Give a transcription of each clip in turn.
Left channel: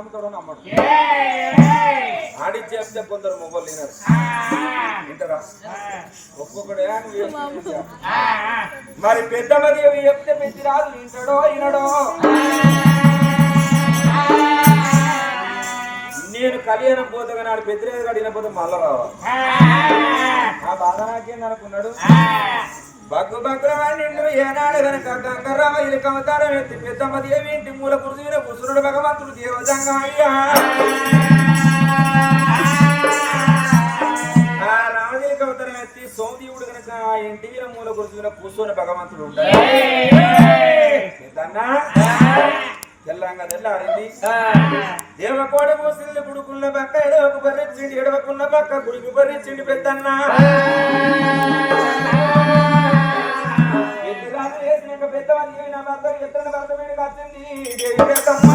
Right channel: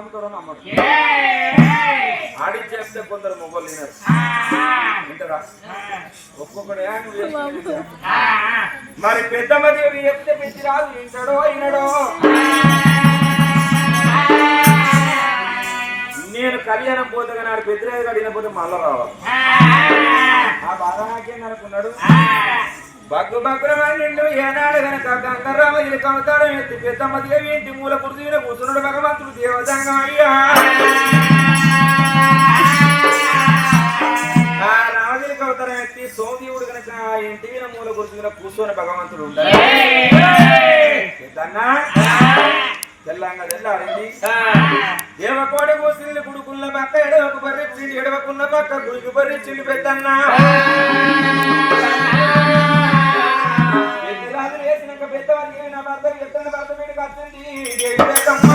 నమ్ముతారో నమ్మరు. ఆడి చేస్తే కొందరు మొగలు తినరు. వింటారా? ఒక్కొక్కడే నువ్వు చేసుకుంటే మరి చెప్తే పెంచి రాదు. వింటాడో వినడో? నేను కళ్యాణం పోతే నాడు పెద్దలేదు కడిగినపోతే మళ్ళా రావాలి. ఆ. బాధ నాకేం అనుకున్నాడు బగ్గు ఏనాడు గనక గంగరామ కవతారం ఎత్తి పెద్దమ్మ దేవి ఇంటి మూల పురుషుల పుసురుడు భగవంతుడు దేవతంగం అయ్యా రామదేవి కవతారం ఎత్తి సోమదేవుడు గనక ఇంటి మీద మూల పురుషుల కూర్చొని భగవంతుడు తెల్లంగా తెల్లారింది. దేవకోడి కోసిల్లు గుడుకున్న పక్క ఎడవకు బర్రె ఎడవకున్న పక్క గుడికి బర్రె పెద్దన్నా. వేసినాక పెద్దవాళ్ళు భర్త ఎత్తన భర్త వీడికి వచ్చింది.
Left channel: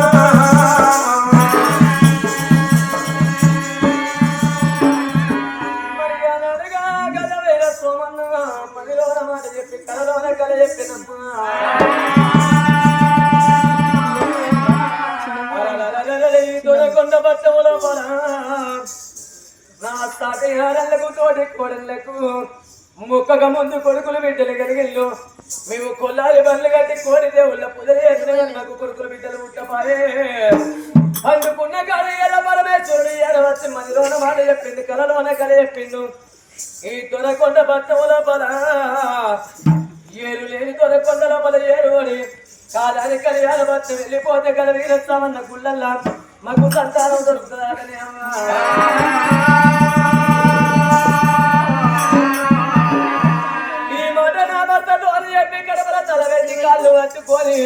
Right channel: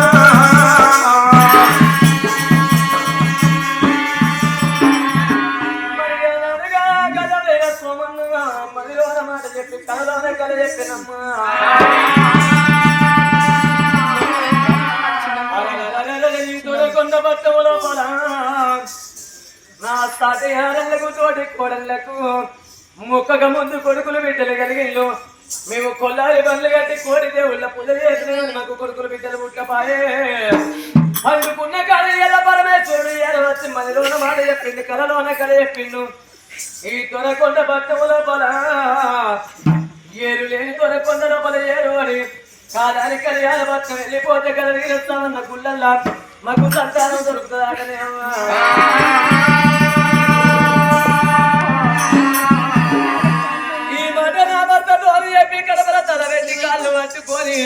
మదిలోన మాట చెప్పి కలలోన కల చెప్పినమ్మా కొండ పట్టము నా సాటిహారలకు తోటి కోడళ్ళకు ముక్కగా ముందు కొడుకులు బిడ్డలు కలిగిల్లు మేము కొల్లారి బండ్లు కట్టి కోడి దేవుళ్ళ పూజలు మాకు కొడుకులు బిడ్డలు పుట్టపాయే. అందుకున్న కళ ఎలా పరమేశ్వరుడు ఎలా వచ్చి మదిలోన మాట చెప్పింది కలలోన కళ చెప్పిండు. ఈ తొరకొండ పట్టము లోపల ఏరు లేని తొరకొండ లోపల ఏరు అని. కాదాని కళ్యాణ భక్తం వెళ్ళిపోతే కదా వీరస్తామన్న గుళ్ళల్లా మాకు సంతానం దొరుకుతుంది కాళ్ళు పట్టుకొని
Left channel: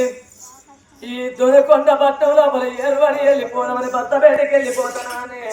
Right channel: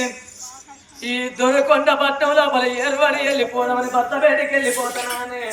ఈ దొరకొండ పట్టం మరి ఎరువడి వెళ్ళిపోదామని భర్త బయటకు వెళ్ళిపోతున్నానే.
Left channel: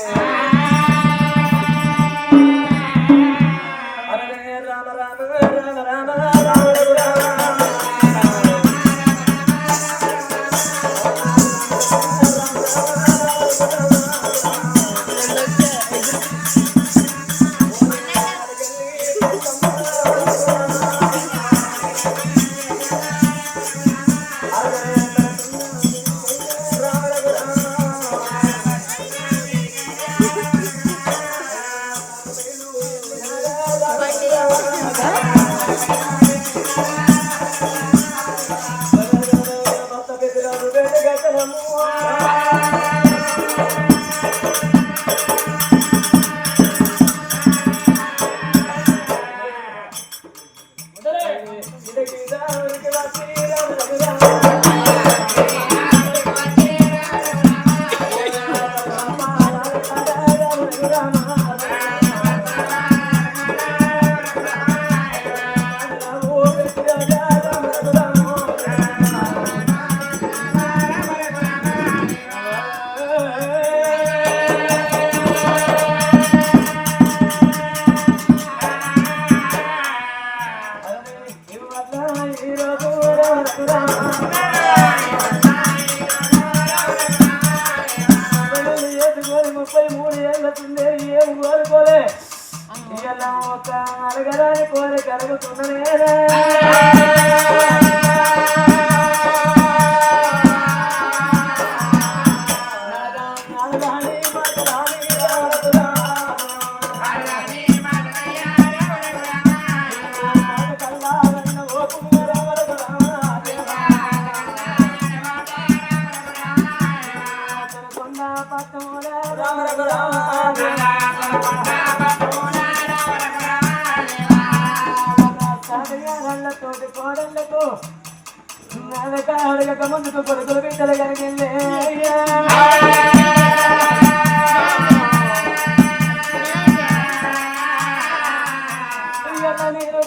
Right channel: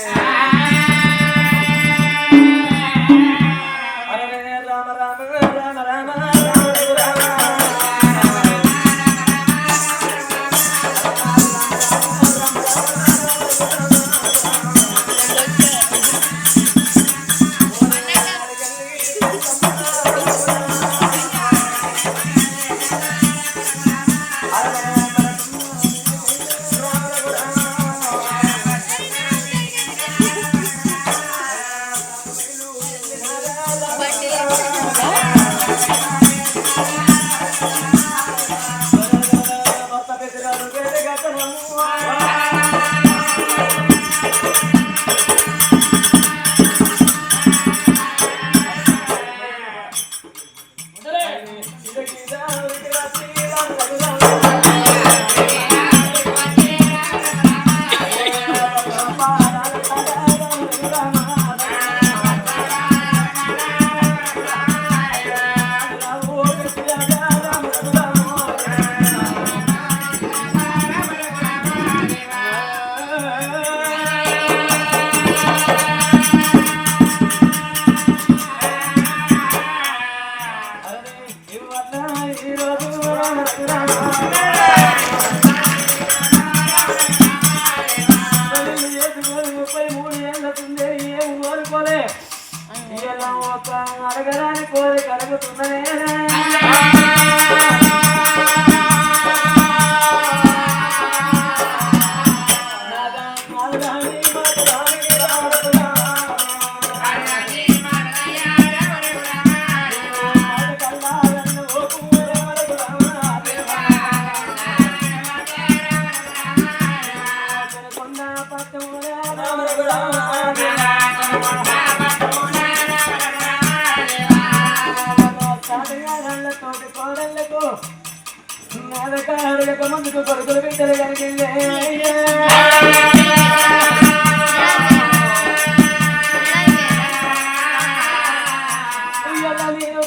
ముందుకు కొడుకులు బిడ్డలు కలిగిందే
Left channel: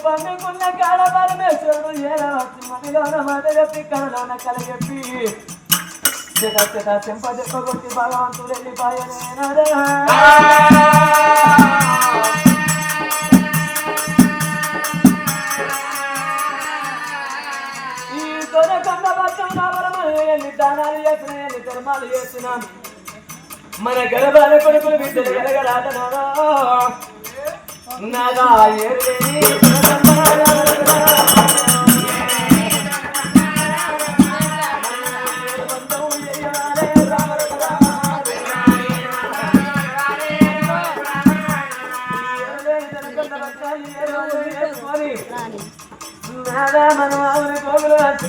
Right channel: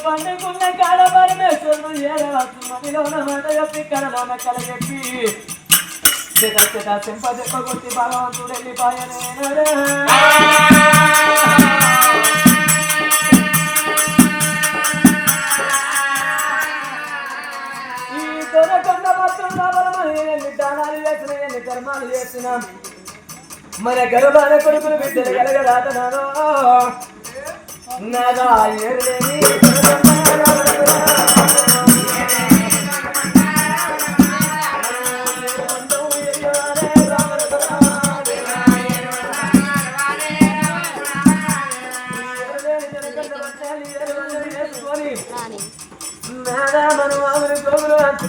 పండుకున్న కాడ పరమేశ్వరుడు ఏడవచ్చు మనిలోన మాట చెప్పి కళలోన కలగెప్పి చెప్పి చెట భగవంతుడు వెళ్ళిపోయనేనరా ఈ దొరకొండ మొత్తం నవలమని ఎన్ని దానాలు చేసిన ఎన్ని ధర్మాలు చేసిన మన గర్భాల కొడుకులు బిడ్డలు కలగలాదనా నాదా ఏరులేని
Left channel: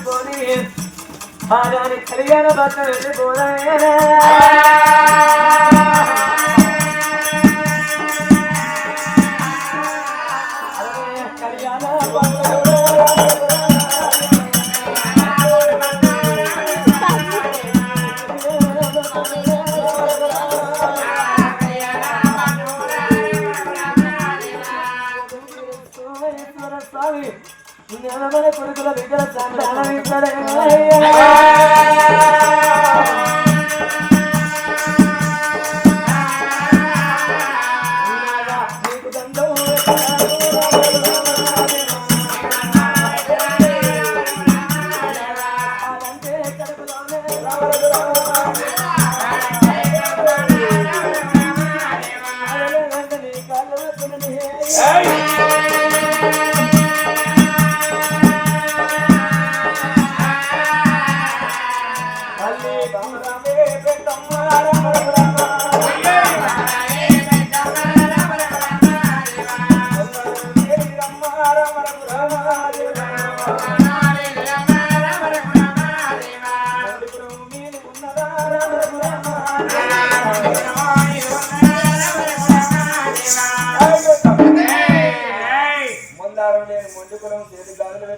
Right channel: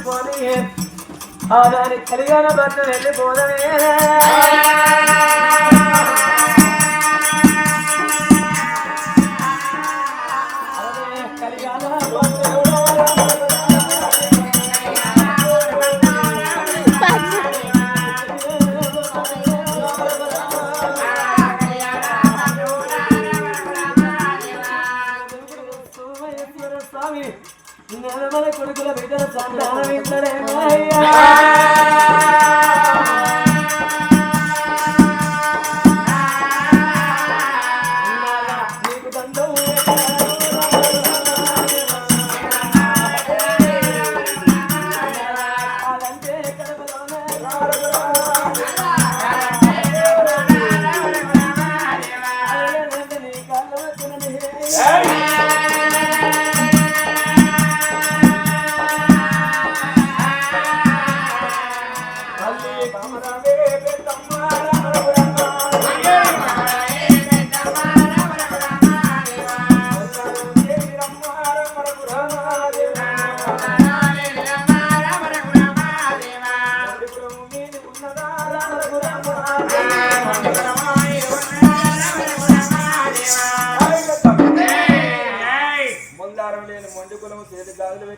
గోగులు హత్తుకొని ఆదాని కళ్యాణ భర్త వెళ్ళిపోదా కళ్యాణ కొడుకుల బిడ్డల సంతానం ఇద్దరేమయ్యా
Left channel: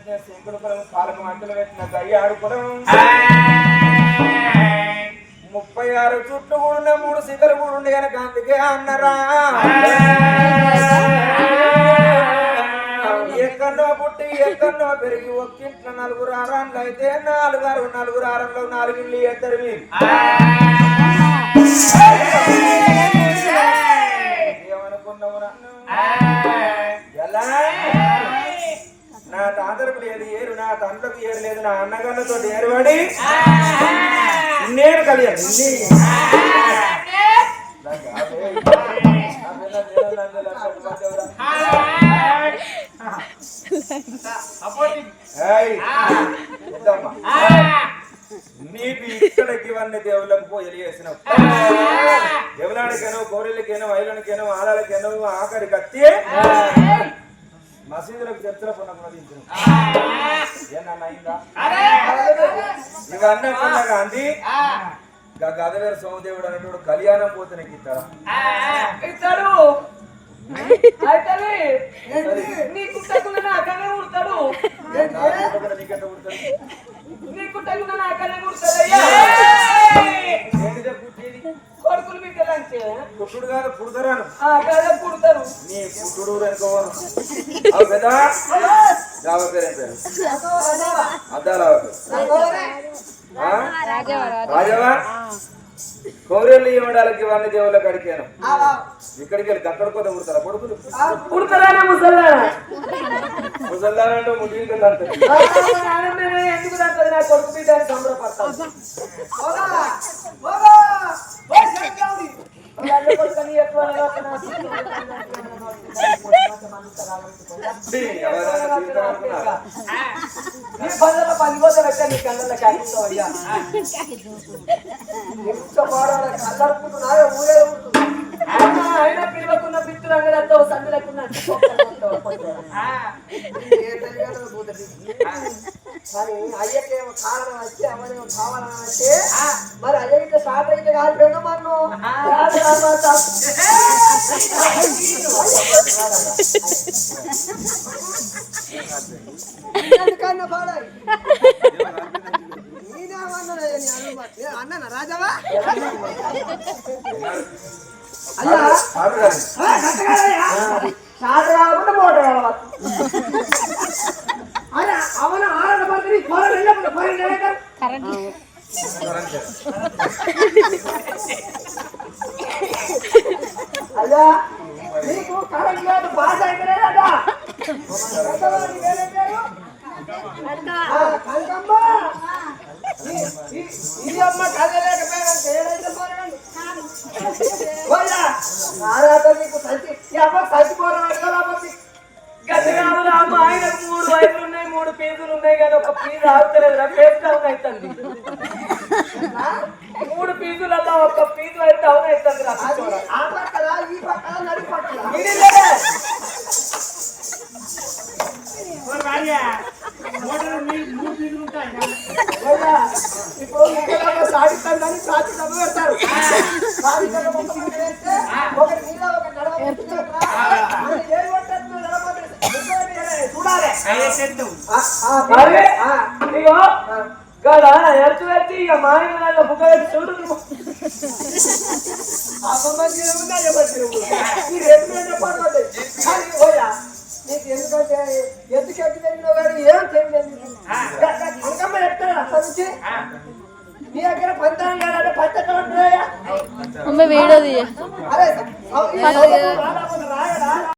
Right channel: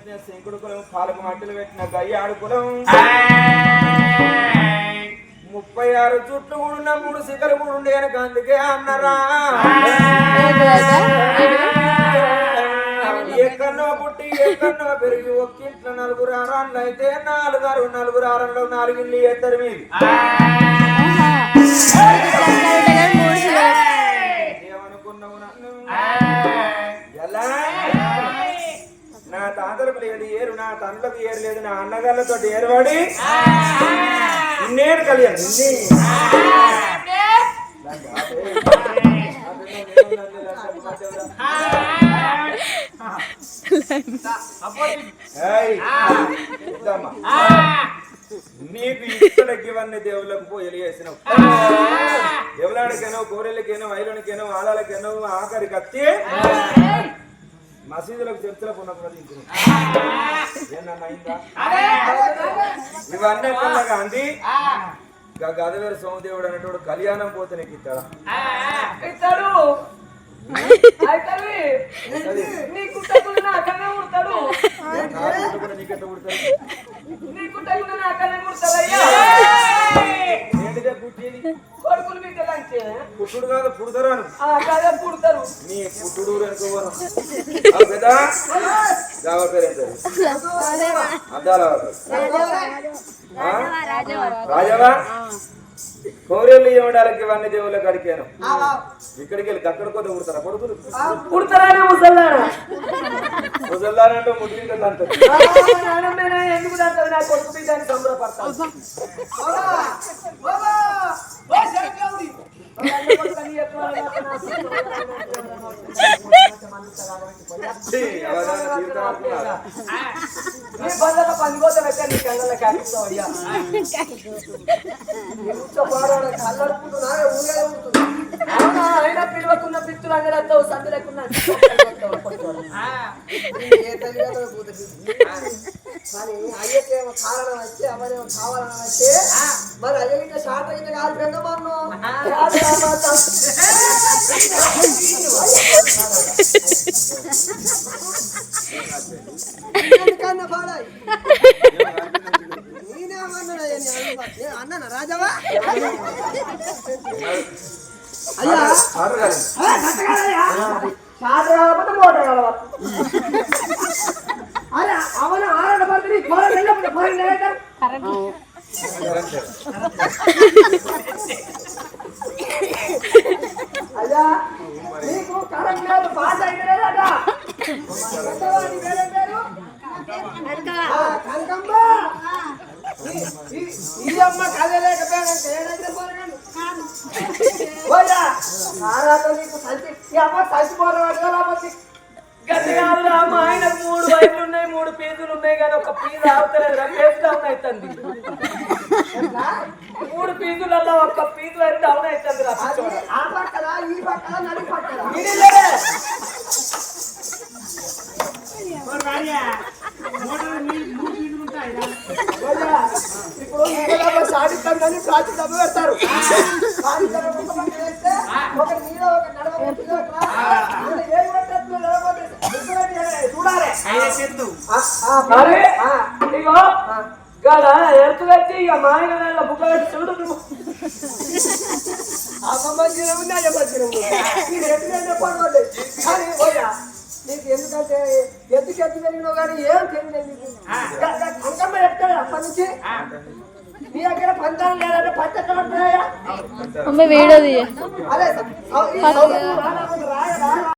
పెట్టిన కులం పాలకు మట్టలు పెట్టిన గయ్యాడు కులం ముప్పై ఆరు చుట్లు కూడిన మూడు సిగలు కూడా ఉండే కనుక అందుకే అన్నరా? ఎక్కడో పుట్టి ఎక్కడో పెరిగి ఒక్కింట్లో నలుగురు ఆరాన్లు అయితే నాలుగారు నలుగురు ఆరంలో నాలుగు ఇల్లు ఎద్దరు మీది ఏమనుకున్నావు నన్ను? ఎలా? తాతలకు లేదు ఏరు నా తండ్రులకు ఏరు లేదు నా అన్నగాళ్ళతో ఏరువాడి. నేను కలియాను నీకు ఇక్కడికి ఇవన్నీ దేవుళ్ళకు పోయి చేసినావు ఎవలాడికైనా గోరెలకైనా ఐలనికేనో ఆదాలకైనా ఆఖరి కత్తి. మసీదులకు చర్చల పొన్న కూడా తింటున్నావు ఏనన్నా అయిందా? ఇవన్నీ కొన్న గాంధీ గదవేరు సోమదేవుడు అనేటోడు కళ్యాణం పోతే నీకు ఇస్తాడా. ఇస్తాడు. పుట్టుడు కాదు పుడతారు. నీ పుట్టుడు అనుకోవను గావ పేరు ఏం పేరు అద్దాల ఆ? రాజవా కోరేళ్ళు ఇవ్వడానికి ఇవన్నీ దేవుళ్ళకి అడిగాను ఇక్కడికి వెళ్ళి అక్కడ కొద్ది పుడతారా కొడుకులు పుడతారని ముసల్లారా ముసల్దానంటూ ముదిగింటే అంత ఎందుకు దాంట్లో నా కొడుకు బిడ్డని సంబరపడతాను కొడుకని ఎక్కువ నీ బంధత పనిపోతా పెట్టా నీ కళ్ళలో కాకిస్తావు అయ్యా అవునా అయినా పిత్తులు అంగడంతో సందులకున్న కానీ అయ్యకేమో కారణం వచ్చి అవనేమో కావాలని వచ్చి మరి అయ్య ఇట్లా షార్ట్ అయితే కాలిపోయిందో మన్ను. ఎందుకన్నా పాడాయి నేనేమన్నా అన్న రాజావా? అయ్యా షార్ట్ కావాలంటే మోట కావాలి అరే అవన ఆరణ పద్ధతి ఫోరన్ వెళ్ళినప్పుడు ఫోరన్ వెళ్ళారు అయ్యా నీకు కరెంట్ లేదు పాస్ అయితే లేదా కనకమ్మ ఈ- ఈ- ఈ అమ్మ కదలేకపోయాడంటే ఏదైతే పోరాడండి గతకాలంలో అమ్మ ఆయనకు మూడు వైర్లు ఉన్నాయి మూడు పీజులు ఉన్నాయి కానీ ఒక పీజు ఆగుతలేదు రా పేజ్ డౌన్ అవుతుంది మూడు పీజులలో ఒక పీజు వైర్ డౌన్ అవుతుంది రా అది ఆ పక్కల ఈ పక్కల నడి పక్కల. ఇది లేదే. మరి ఓయ్యా, ఇప్పుడు ఇంట్లో సాధిస్తాను సాధి దెబ్బ పెడతారు. ఇగో. గాడ ఎత్తు పెట్టి ఇక మా ఆయన నల్ల బుక్క పెట్టి చూడు. కానీ నీకు ఎందుకంటే ఎందుకు ఎత్తు పెరిగినావు కానీ ఏం తెలియలేదు కనకమ్మ చెప్తాడు అప్పటి నుంచి. నీ దగ్గర పంచాలు ఉంటున్నాయా అమ్మ వీడియో